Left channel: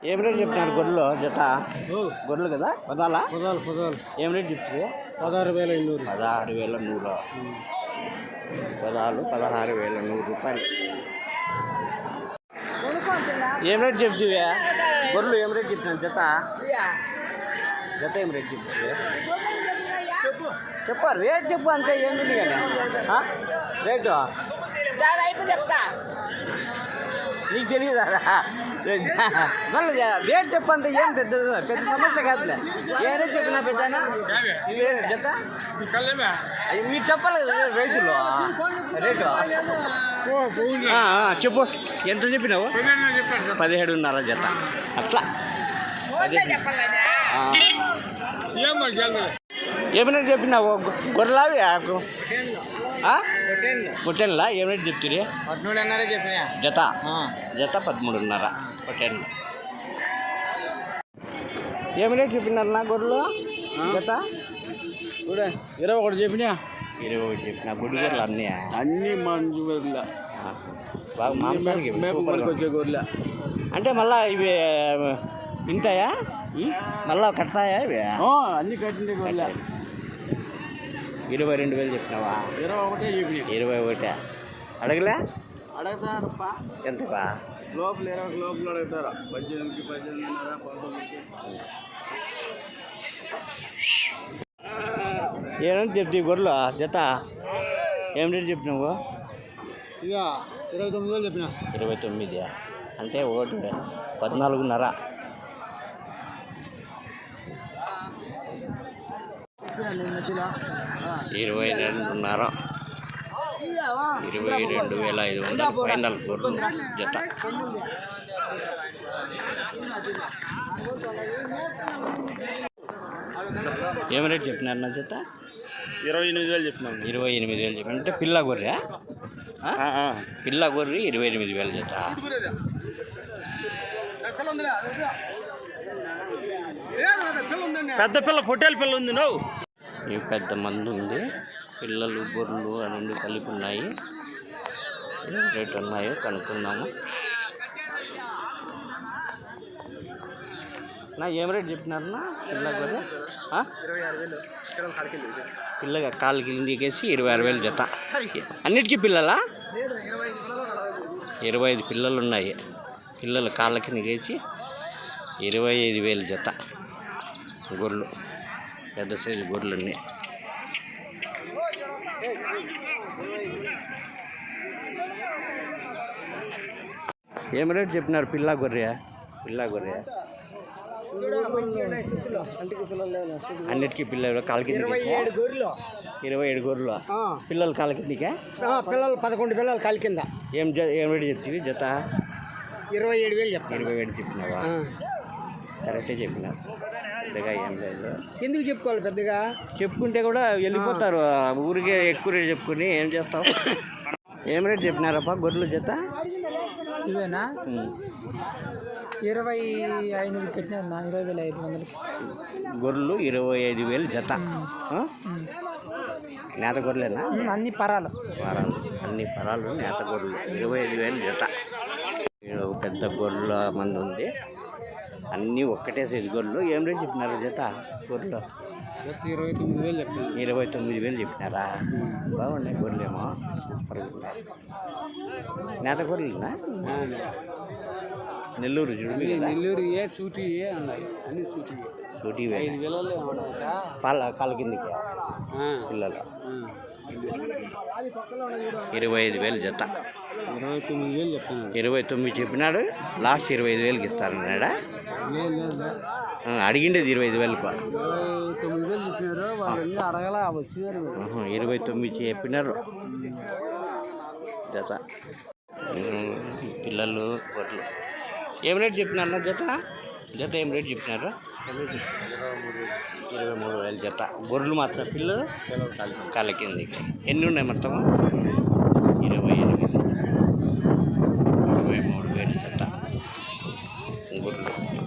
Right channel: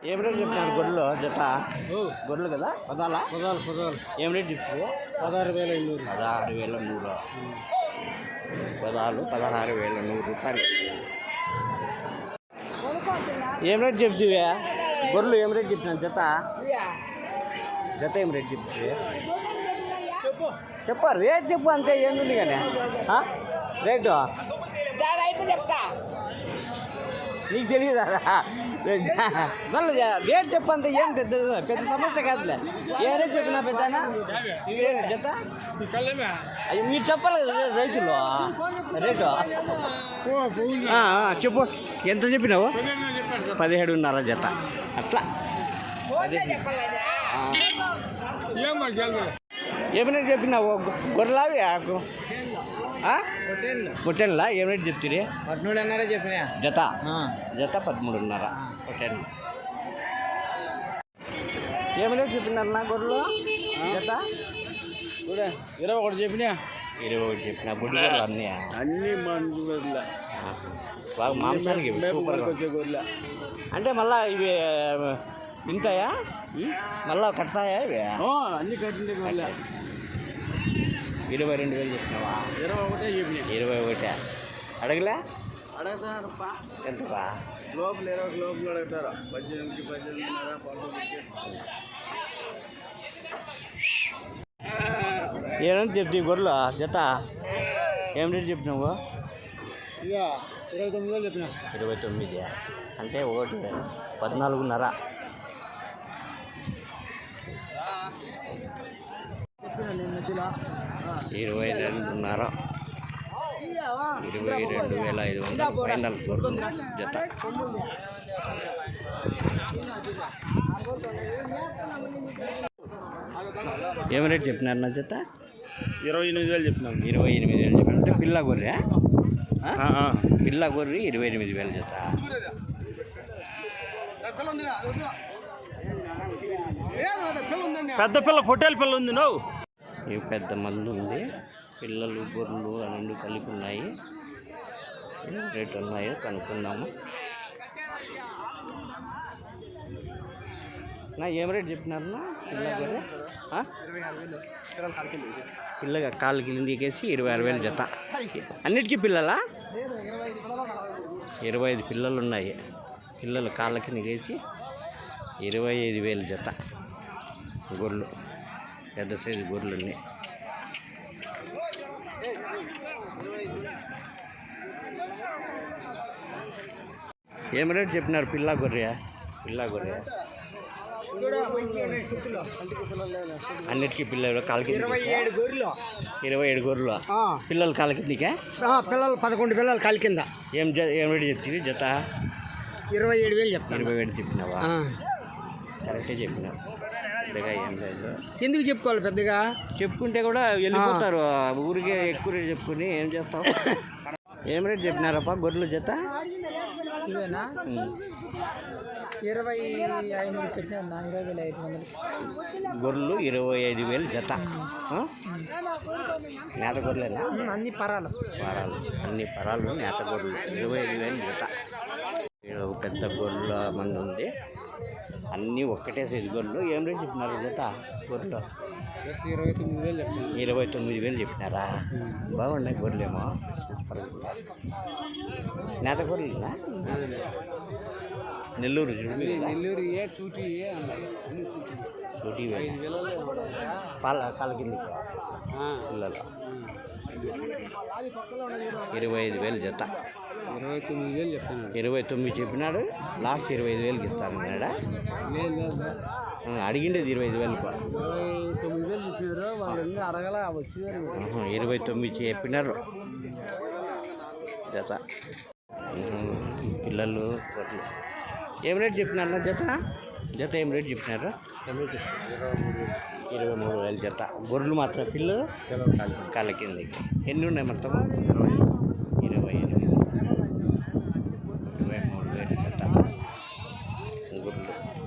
ఏం రేట్ చెప్తున్నారు గొర్రెలు జత? గొర్రెలు కదా? పదాలా? పదాలు పదాలు. ఏం రేట్ చెప్తుంది పదహారు వేల ఎన్నూరు పదహారు వేల నూరు. పదాలు పదహారు వేల నూరు రూపాయలు. ఏం రేట్ చెప్తివే గొర్రెలు ఏం రేట్ చెప్తున్నాను జత? జత ఏం రేట్ చెప్తివే చెప్ప. రేట్ చెప్పు అంతే కానీ రేటు నీకు తెలియదా మళ్ళీ రేట్ చెప్పు అంతే ఏం పెద్ద పెద్ద సమస్య కాదులే. ఏ రేట్ చెప్పినా పెద్దనా జత మీరు చెప్పలేదు రైతులు. రేటు? చెప్పు. ఎంత చెప్పినావు? పదిహేడున్నర జత అట్లా. ఏమైనా చెప్పినావు? గొ- గొర్రెలావి పొట్టెన్లా? ఏమైనా చెప్తుంది పద్మూడు అన్నారే చెప్పినా. జత? జత పదమూడున్నర. పొట్టెన్లు. ఏమైనా చెప్పినారు నా గొర్రెలు? జత? ఇరవై ఒకటి చెప్పినా. ఇరవై ఒకటి చెప్పిన. గుడ్డు గొర్రెలు అన్నీ? అన్ని మంచి గొర్రెల. ఆహా. బాగా మాంసానికి సూపర్గా గొర్రెల. అంటే మళ్ళా ఇవి తింటాయా మళ్ళా కడతాయా ఇవి? అన్ని కట్టింది ఇరవై రెండు వేలు చెప్పినావా ఇరవై ఒకటే చెప్పినా ఇరవై ఒకటి. అడగలే? అడుగుతారప్ప. ఎంతవా లోపల ఇరవై లోపల అడుగుతారు. పద్దెనిమిది పద్దెనిమిది పంతొమ్మిది ఏమని చెప్తే గొర్రెలు? జత? ఏం రేటు చెప్పినావు ఇక ఇరవై తొమ్మిది చెప్పినా. ఇరవై తొమ్మిది. అంటే ఒకటి పద్నాలుగున్నర. ఇరవై రెండున్నర. ఇరవై రెండు వేల ఐదు వందల ఫైనల్ గొర్రెలు జత. ఏం రేట్ చెప్పినారు నా జత? ఇరవై ఎనిమిది వేలు చెప్పినాం. ఇరవై ఎనిమిది వేలు చెప్పిన అంటే పిల్ల గొర్రె పిల్ల గొర్రె ఇరవై ఎనిమిది వేలు జత. పెద్ద పిల్ల పొట్టేల పిల్ల ఉంది నువ్వు. ఇవి పెద్ద మందు ఉంది. పిల్లలు గొర్రెలు రెండు కలిపి ఉన్నాయి. రేట్ ఉన్నాయో కనుక్కుందాము. నా ఏం రేట్ చెప్పినారన్నా? పిల్ల గొర్రె? పిల్లగా కాలు కిందికేసి ఇరవై ఆరు వేలు జత. అన్నిటికీ పిల్లలా? ఇరవై ఐదు పిల్లలు ఉన్నాయి. పిల్లలు కాళ్ళ కిందకేసి ఇరవై ఐదు వేలు జత. గొర్రెలు. పెద్ద సైజు గొర్రెలు అన్నీ ఏం రేట్ చెప్పినారు పిల్ల గొర్రె? పిల్ల గొర్రె? అన్నిటికీ పిల్లలు కాలు కింద ఇరవై ఏడు గొర్రెలు. పిల్లలు కాలు కిందికా? పిల్లలు పదకొండు పిల్లలు కాలి కింద. ఏం ఏం రేట్ చెప్తివి? జత? ఇరవై ఏడు వేలు చెప్తాను. ఇరవై ఏడు చెప్పినావా? కరెక్టే చెప్పినావు. పెద్దగా ఏం లేదు. ఎందుకు చెప్పుకోవాలి పెద్దగా? చెప్పుకుంటే కూడా వెళ్ళిపోతారు. ఊరికే ఎక్కువ రేట్ చెప్పుకుని ఏం చేస్తావు? ఏం రేట్ చెప్పినారప్ప గొర్రెలు జత? ఇవేనా. ఇరవై ఐదు కట్టినా ఇరవై వేల ఐదు వందలకి. గొర్రెలు ఇరవై ఐదు వేలు జత? నేత గొర్రెలేనా? అన్ని పరాలు. పరాలు. అన్ని పరాలు నేత గొర్రెలు. ఇరవై ఐదు వేలు జత. పెద్ద గొర్రెల మంది ఉంది. అన్నీ ఒక్కటే సైజు గొర్రెలు. ఏం రేట్ చెప్పినారు జత గొర్రెలు? ఇరవై తొమ్మిది వేలు ఇరవై తొమ్మిది వేలు చెప్పినారా? బాగున్నాయి గొర్రెలేమో. ఉన్నాయి. నేత గొర్రెలునా? నెల్లూరు కదా నెల్లూరు ఏ సూటి సూటి పాల కాళ్ళ కిందకి పిల్లలు. ఇరవై ఐదు వేలు జత. ఇరవై తొమ్మిది వేలు చెప్తాను ఇరవై తొమ్మిది చెప్పినాడు లాస్ట్ ఇరవై ఐదు వేలకి ఆ, అడిగిండేది ఇరవై ఐదు వేలకు. ఇరవై తొమ్మిది వేలు ఇరవై తొమ్మిది చెప్పినారు. జత. పిల్లలు గొడ్లు ఏం రేట్ చెప్పినారు నా జత? జత ఏం రేట్ చెప్పినారు? ఇరవై మూడు వేలు. జత. గొర్రెలు మాత్రం పిల్లలు? కాళ్ళ కిందకి. ఎన్ని ఉన్నాయి మొత్తము? వేడి గుర్రం